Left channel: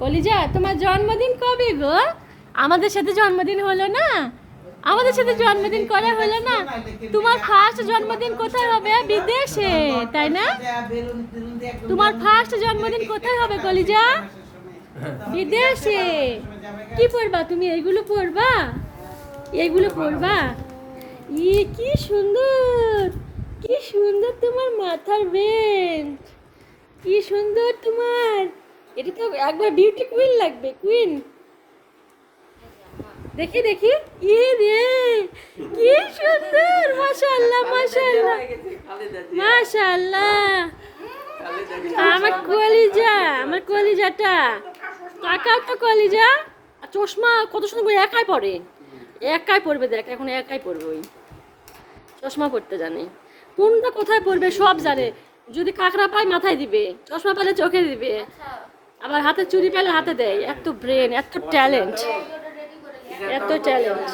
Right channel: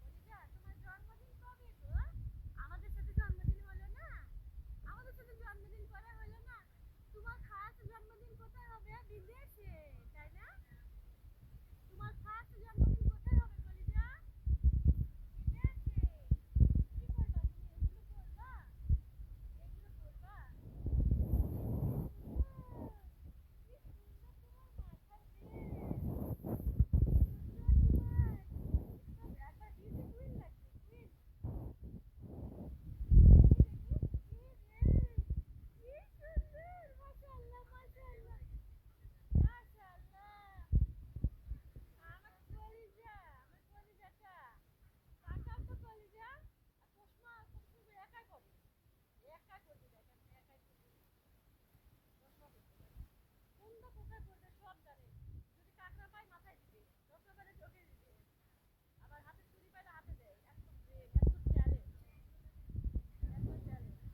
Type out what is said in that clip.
কলিজা, তোমার জন্মদিন কবে গো? আমাদের সাথে জন্মদিন হলো না? আমাদের সাথে জন্মদিন করা হলো না? তোমার ফার্স্ট জন্মদিন কোথায় হবে? বিদেশে, তাই না? তোমার ফার্স্ট জন্মদিন কোথায় হবে কলিজা? বিদেশে। কি পরবা তুমি? এইগুলো পরবা? এইগুলো পরবা? কি সুন্দর, কি সুন্দর তোমার মাথার বেঞ্চ, কি সুন্দর তোমার। এটা তো একবার বিউটি কুইন লাগবে, কুইন। দেখি দেখি, রে কি সুন্দর, মাশাআল্লাহ মাশাআল্লাহ মাশাআল্লাহ। আমার কলিজা, আমার কলিজাটা তাকাও তো কলিজা। আর চশমা কত সুন্দর করে একাই পরে, একাই পরবে, দেখ এখন একাই পরবে। ওই চশমা পরতে জানে, কোনটা কোথায় পরবে সব জানে। যদি কাঁকড়া পায় মাথায় দিবে, চশমা পেলে চোখে দিবে, আবার হাতে চুড়ি পেলে হাতে দেয়। এত ব্রেন, এত ট্যালেন্ট, এত ট্যালেন্ট।